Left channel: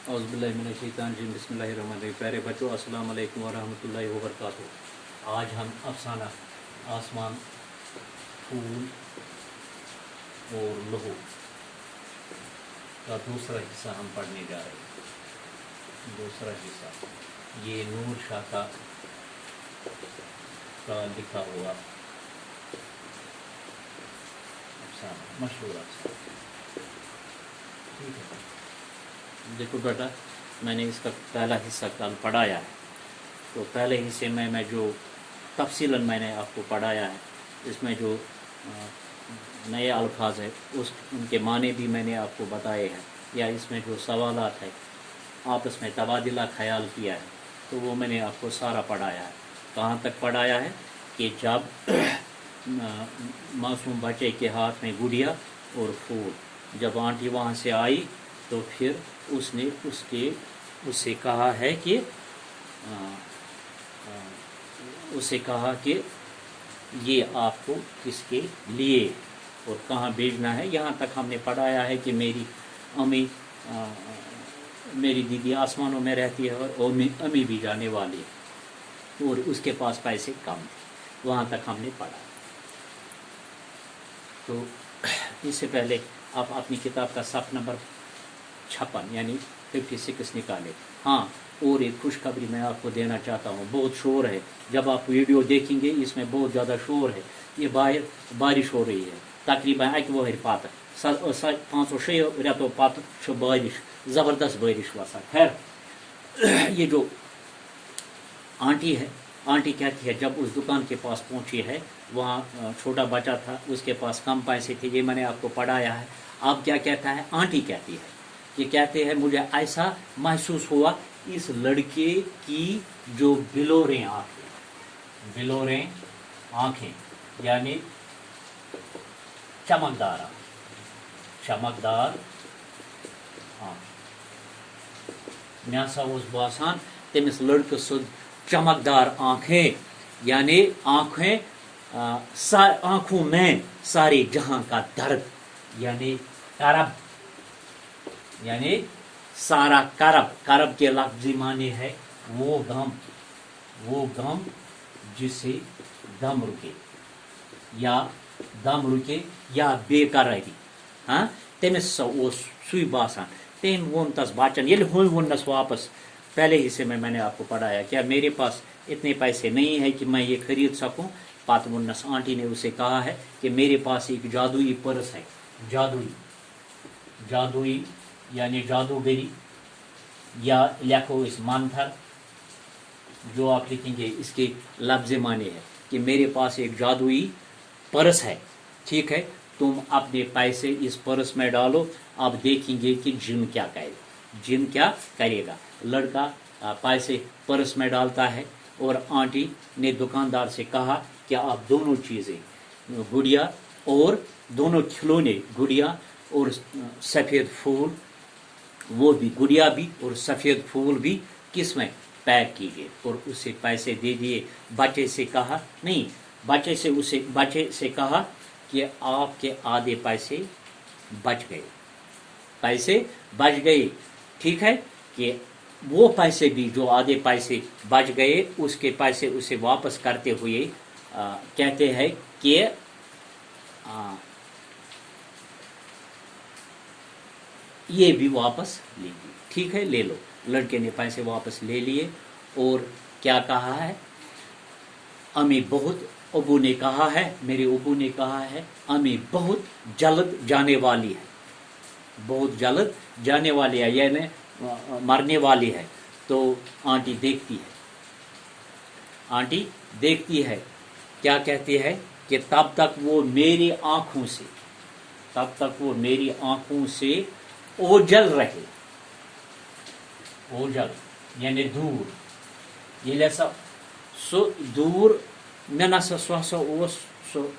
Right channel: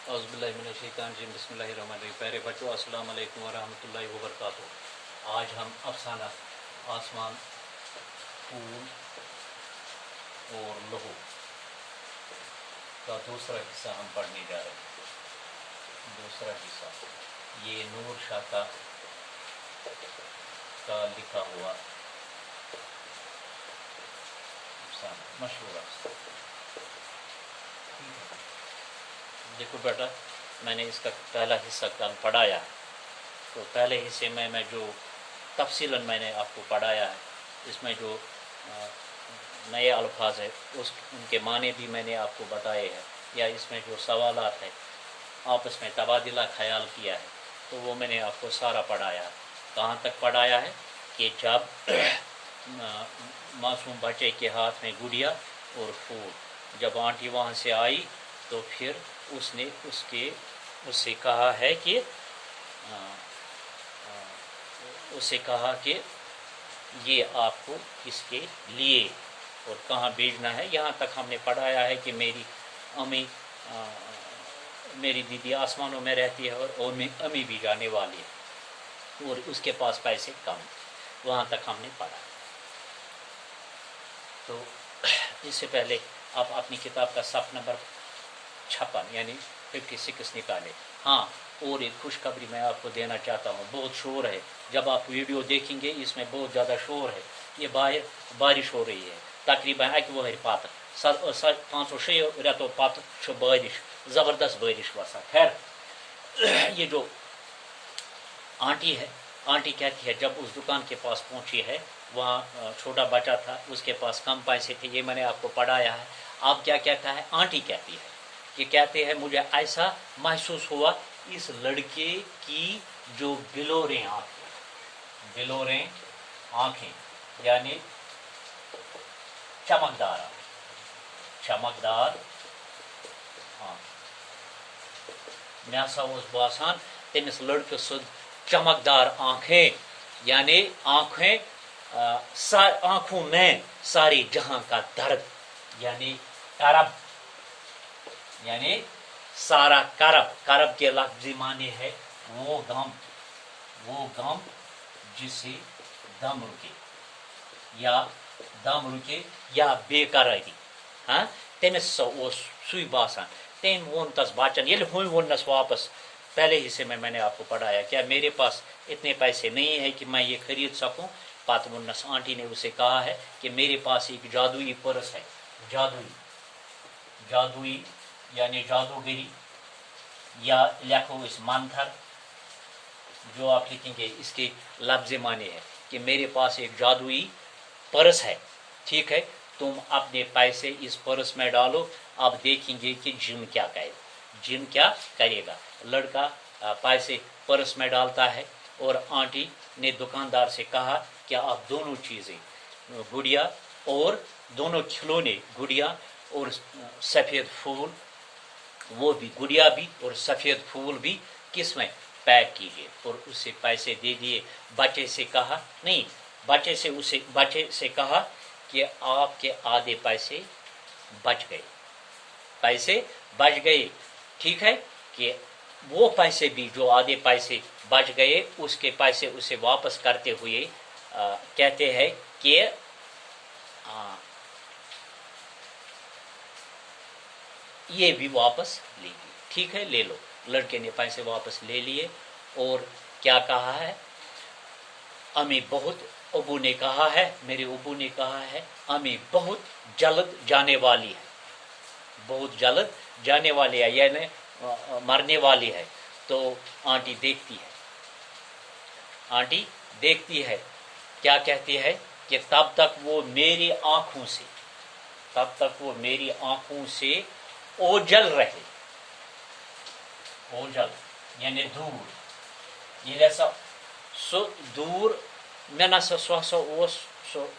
औज़ुबिल्लाहि मिनश्शैतानिर्रजीम बिस्मिल्लाहिर्रहमानिर्रहीम। प्यारे बच्चों, अस्सलाम वालेकुम वरहमतुल्लाहि वबरकातुहू। आज हम अफसाना आसमान, फूल और लहू का दूसरा हिस्सा हम पढ़ने जा रहे हैं। दूसरा हिस्सा ये नूर शाह का लिखा हुआ अफसाना, मशहूर अफसाना। ठीक है, देखो बेटा, मैंने इसका पहला हिस्सा कल पढ़ाया है। तो पहले हिस्से में मैं जो तफसीलन मैंने आपको पढ़ाया है, इसमें जो नए अल्फाज है उनके माने भी मैंने आपको बताए हैं, या इसमें जो सवालात है आपस में तबादला ख्याल किया है, तो वो मैंने आपको सारा पढ़ाया है। कहाँ तक पढ़ाया है कि जब मासूम बच्चे के हाथ में गुड़िया और फूल, जब आंटी वहाँ से आई तो फिर उसने उससे कहा है कि उससे कहा कि ये आपको किसके लिए और कहाँ भेजना है। यहाँ तक हमने पढ़ाया है कि मेरी मेरी दीदी आसमानों में रहती है और अम्मी भी जाने वाली है और उसके पास पैसे कम। वहाँ तक हमने पढ़ा। तो इससे पहले आप अपनी किताब का सफ़ नंबर 56 यानी 56 निकाले। हाँ, और एक खुशखबरी मैं आपको देना चाहता हूँ। बहुत शोर है, जब आप वीडियो देखेंगे इसमें बहुत ज़्यादा शोर है। ये बाहर बारिश हो रही है, तकरीबन 1 वहर पात 5-6 रेतों पात बारिश, ज़बरदस्त बारिश वसा। खैर, ये जो आंटी है, आंटी कहती है जब उस दुकान के पास पहुंची है, वहाँ छोटा बच्चा था, उसके पास कम पैसे थे, ये मैंने आपको पढ़ाया है। अब क्या कहता है, आंटी कहती है, ये कहते हैं मुझे ऐसा महसूस हुआ इस लड़के की जो बिलोरें आंखें यानी चमकदार मैं सा बसान तमिस लड़के सुध चमकदार आंखें, यानी आंखों में सारे जहां का दर्द, यानी करब, यानी सारा करब के लफ्ज़ी माने है वो गम जिसे दम रुके या बेकरारी। हाँ, तमिस सुई बासान तेम वोन तस बाचन ये वोनस वापस। पहले हिस्से में मैंने आपको पढ़ाया क्या मेरे पास इतने पैसे नहीं है कि मैं ये खरीद सकूं। पात वोनस आंटी ने उसे कहा है कि मेरे पास एक जादुई पर्स है। जादुई यानी जादूगरी, या लिखो इस मंत्र, जो आप लिखेंगे इसके लफ्ज़ माने है कि मेरे पास एक जादुई पर्स है। ठीक है, तुम अपने पैसे इस पर्स में डालो, आप देखेंगे कि जिन क्या करेगा। लड़का पैसे पर्स में डालता है और आंटी ने दुकानदार से कहा कि आप दोनों चीज़ें, गुड़िया और दोनों खिलौने, गुड़िया और सफ़ेद फूल, वो भी गुड़िया भी और सफ़ेद फूल भी किस में पैक कीजिए। और उससे पैसे दे दिए। बच्चे से कहा कि आपके आधे पैसे बच गए। ठीक है, कि वो पैसे भी जो आधे पैसे बच गए, उसके पैसे उसे वापस करते हुए कहते हैं कि ये भी वापस लीजिए। ठीक है, ले लो। लड़के ने पैसे वापस ले लिए और क्या कहा है, अबू ने कहा है, मेरे अबू ने कहा है, अम्मी बहुत जल्द जाने वाली है, यानी मरने वाली है। तो आंटी देखती है, क्या कहती है कि तब तक वो मेरी आंखों से ओझल रहे। ओझल यानी दूर, ये लैसा सो दूर मे न सो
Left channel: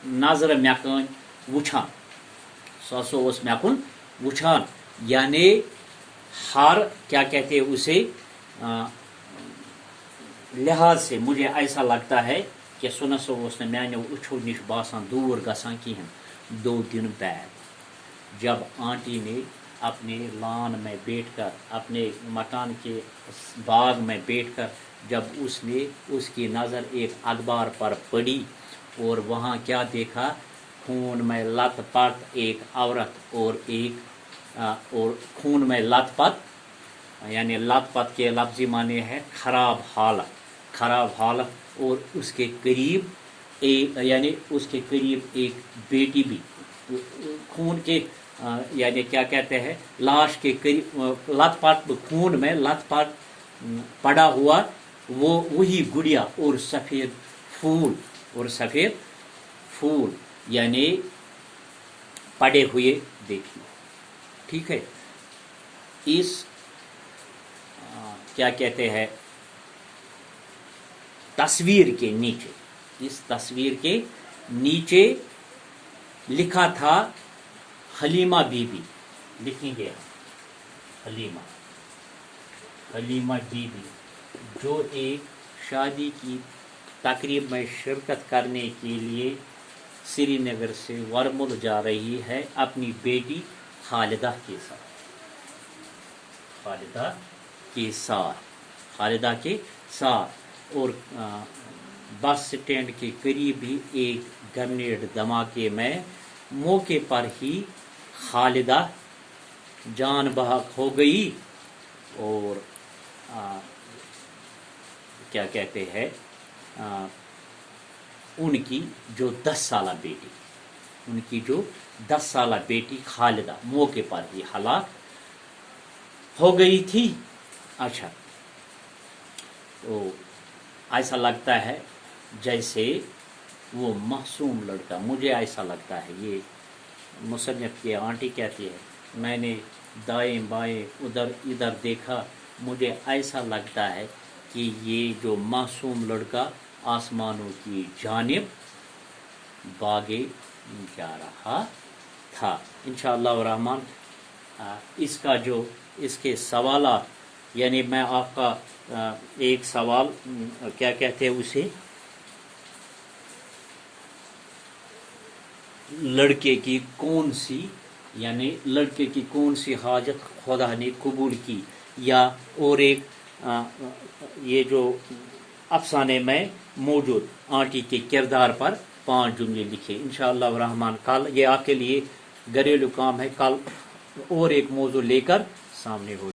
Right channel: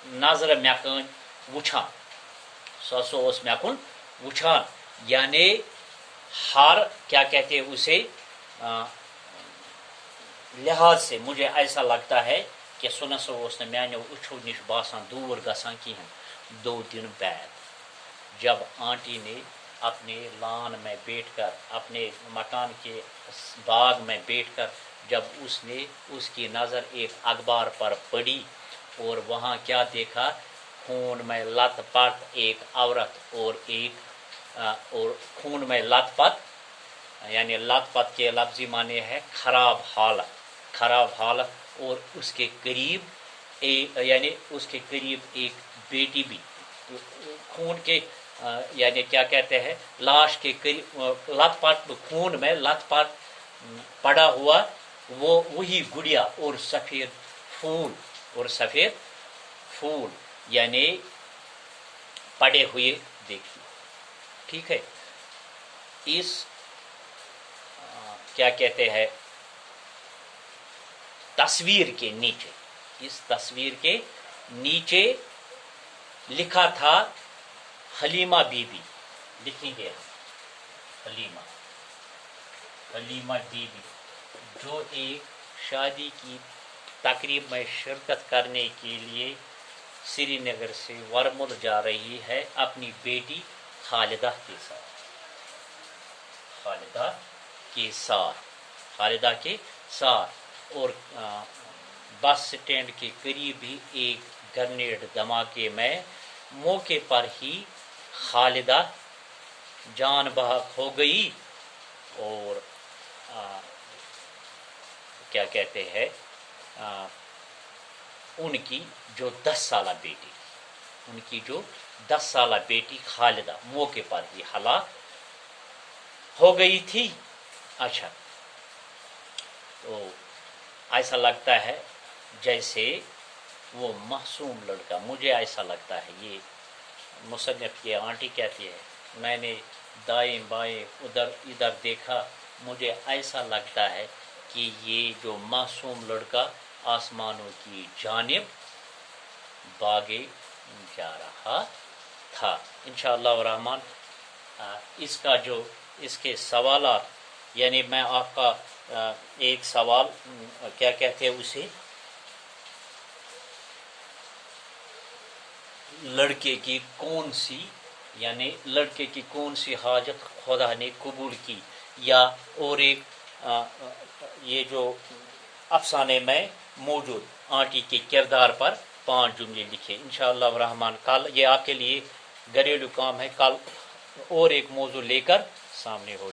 नजर मेकन वुछान, सो मेकुन वुछान, यानी हर क्या कहते हैं उसे लिहाज से मुझे ऐसा लगता है कि सो ने मैंने उछो निश बासान दूर गसान की हूँ। 2 दिन बाद जब आंटी ने اپنے لان میں بیٹھ کر، اپنے مکان کے باغ میں بیٹھ کر جب اس کی نظر ایک اخبار پر پڑی اور وہاں کیا دیکھا، خون میں لت پت ایک عورت اور خون میں لت پت، یعنی لت پت کے لفظی معنی ہے خراب حالت، اور اس کے قریب ایک بیٹی بھی خون کے یعنی کیا کہتے ہیں، لاش کے قریب لت پت، خون میں لت پت پڑا ہوا وہی گڑیا اور سفید پھول یعنی پڑے ہوئے دیکھی. ٹھیک ہے. اس کیا کہتے ہیں تصویر کے نیچے لکھا تھا حلیمہ بی بی، لکھیں گے حلیمہ بی بی، جو ایک شادی کی تقریب میں شرکت کرنے کے لیے سری نگر سے ورمل جا رہی ہے اپنی بیٹی خالدہ کے ساتھ اور بس سٹینڈ کے قریب ہی ایک گرنیڈ دھماکے میں موقع پر ہی خالدہ جان بحق ہو گئی اور کیا کہتے ہیں ان کی جو 10 سالہ بیٹی خالدہ موقع پر ہی ہلاک ہو گئی تھی. اچھا، تو ایسا لگتا ہے جیسے وہ معصوم لڑکا، مجھے ایسا لگتا ہے، یہ مصنف کی آنٹی کہتی ہے، میں نے دائیں بائیں ادھر دیکھا، مجھے ایسا لگتا ہے کہ یہ جو معصوم لڑکا آسمانوں کی جانب بھاگے جا رہا تھا. انشاءاللہ الرحمن اس کے سوالات، یعنی میں آپ کا ایک سوال کیا کہتے ہیں اسے، لڑکے کی کون سی حاجت خدا نے قبول کی، یا اور ایک یہ جو افسانے میں موجود آنٹی کے کردار پر 5 جملے لکھے. انشاءاللہ الرحمن کل یہ آپ کے لیے گھریلو کام ہے، کل اور ایک موضوع لے کر سامنے ہو